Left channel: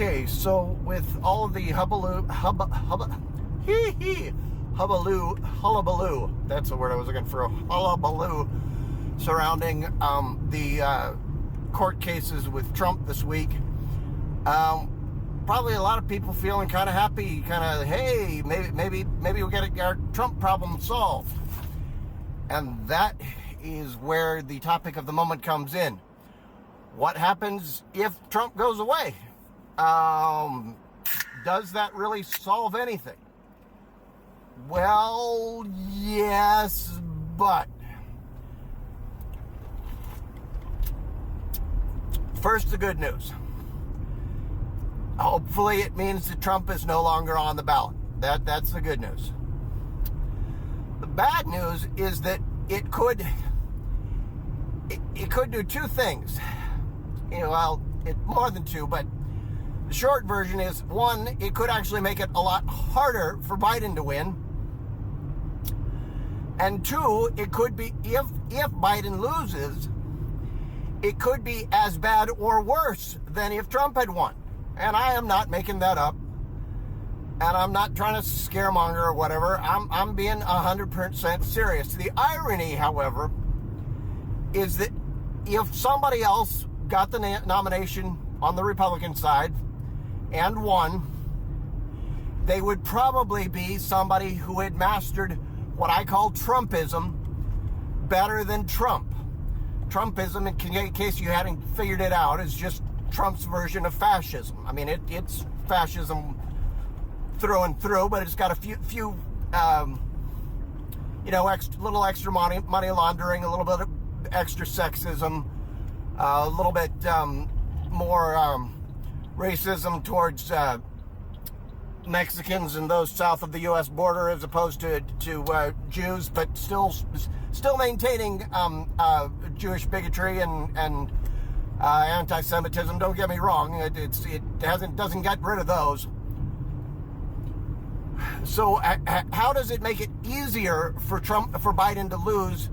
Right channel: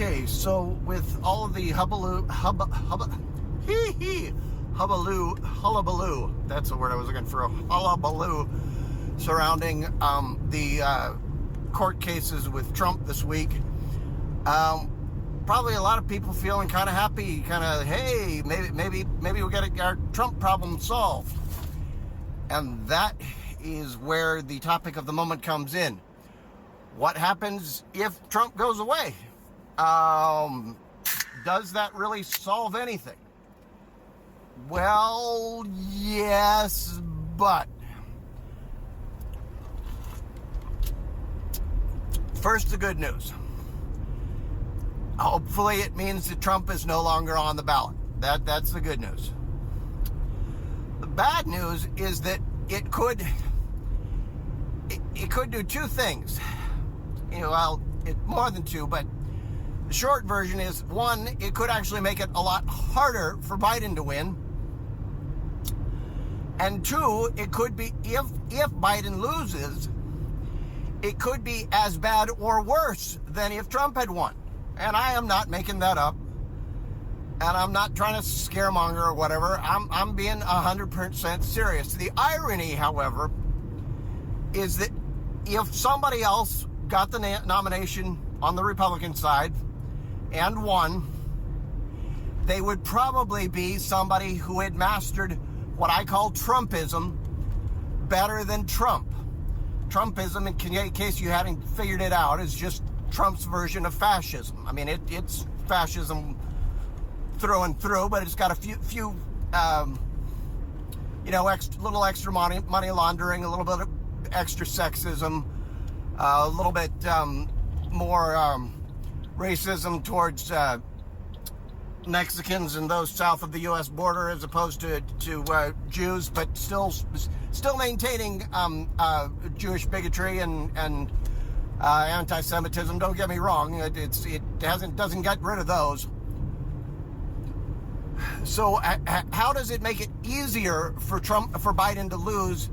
Okay, so with all of the hullabaloo, that's the word I was looking for, hullabaloo surrounding the court cases with Trump this week, probably a lot of people feeling kind of happy, kind of, hey, maybe we'll get our Trump problem solved. And that is where the topic of the moment comes in. What happens if Trump goes away? Does that really solve anything? Well, yes, but first, the good news. Hopefully it means that Trump is no longer on the ballot. That's the good news. The bad news is that it could do two things. Well, more than two, but the short version is, one, it could actually make it a lot harder for Biden to win. And two, it could be, if Biden loses, it could be as bad or worse than if Trump had won. And I am not making that up. And I'm not trying to scaremonger or whatever. I'm being 100% serious. The irony, however, is that if somebody else got the nomination on the Republican side and won, they would probably be somebody who had mastered what I call Trumpism better than Trump. Trumpism, in case you hadn't figured it out, is just Trump's version of fascism. I mean, it's fascism through and through, but it's got a few little extra money laundering, a little bit of extra sexism, a little bit more racism towards Mexicans and those south of the U.S. border, as opposed to Jews, but still maintaining Jewish bigotry and anti-Semitism. Don't get me wrong; it doesn't get rid of those. So, how does it make it easier for Biden to lose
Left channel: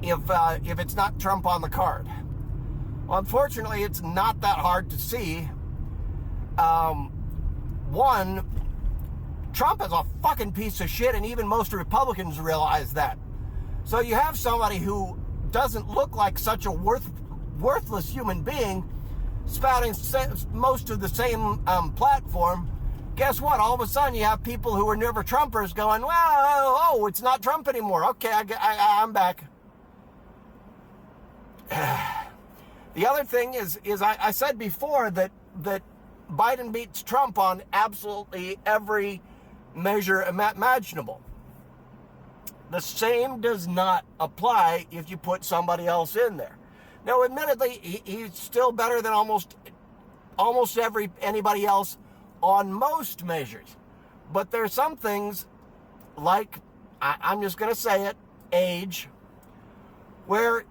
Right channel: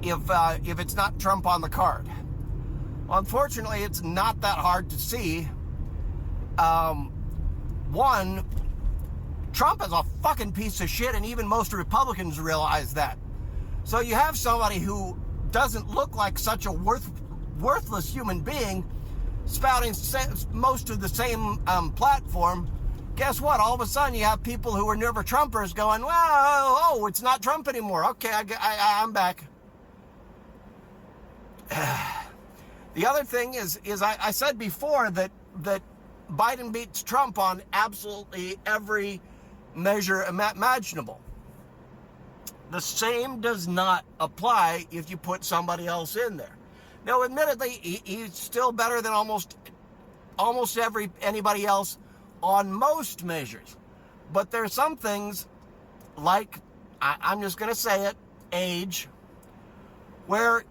if it's not Trump on the card? Well, unfortunately, it's not that hard to see. One, Trump is a fucking piece of shit, and even most Republicans realize that. So you have somebody who doesn't look like such a worthless human being spouting most of the same platform. Guess what? All of a sudden, you have people who were never Trumpers going, well, it's not Trump anymore. Okay, I'm back. The other thing is I said before that Biden beats Trump on absolutely every measure imaginable. The same does not apply if you put somebody else in there. Now, admittedly, he's still better than almost anybody else on most measures. But there's some things, like, I'm just going to say it, age, where,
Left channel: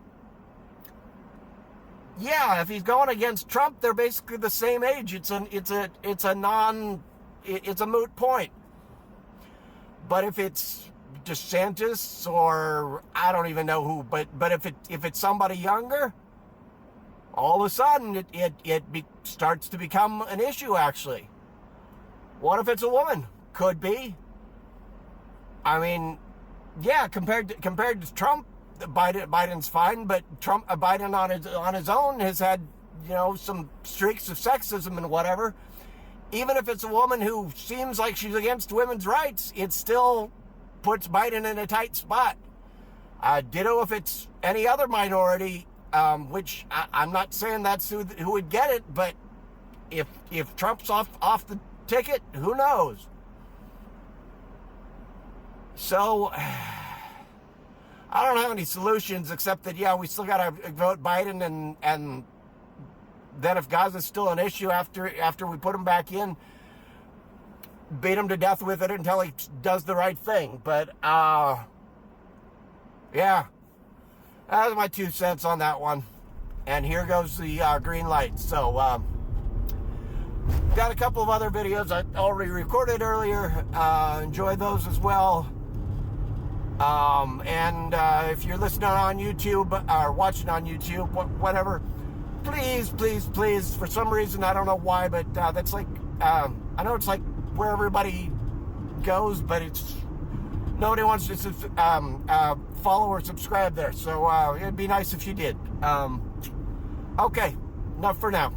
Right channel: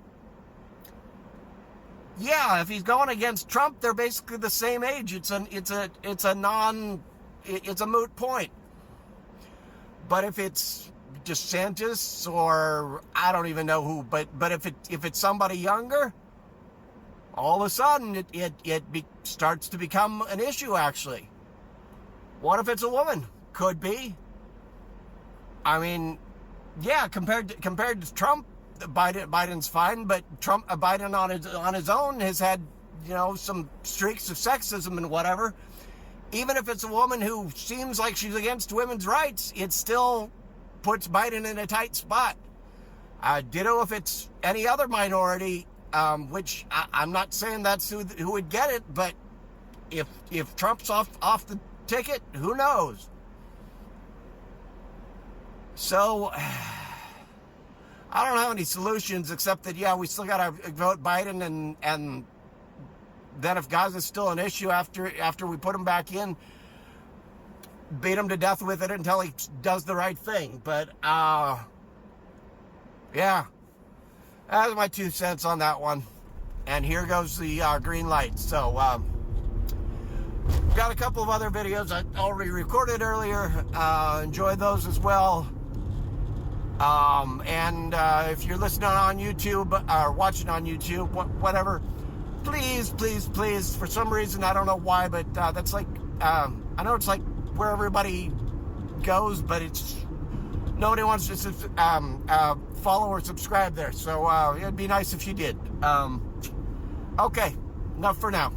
yeah, if he's going against Trump, they're basically the same age. It's a moot point. But if it's DeSantis or I don't even know who, but if it's somebody younger, all of a sudden it starts to become an issue. Actually, what if it's a woman? Could be. I mean, yeah, compared to Trump, Biden's fine, but Biden on his own has had, some streaks of sexism and whatever. Even if it's a woman who seems like she's against women's rights, it still puts Biden in a tight spot. Ditto if it's any other minority, which I'm not saying that's who would get it, but if Trump's off the ticket, who knows? So I don't have any solutions except that, yeah, we still got to vote Biden, and then if Gaza's still an issue after we put him back in, beat him to death with it until he does the right thing. But, yeah, that's my 2 cents on that one. And here goes the green light. So, got a couple of other videos I already recorded earlier. Enjoy those as well. And if you're listening on YouTube or watching on YouTube, whatever, please, please, please, for some reason, I don't know why, but that's like, I know it's like where everybody goes, but it's, nobody wants to follow or subscribe there. So it'd be nice if you did. Okay, enough for now.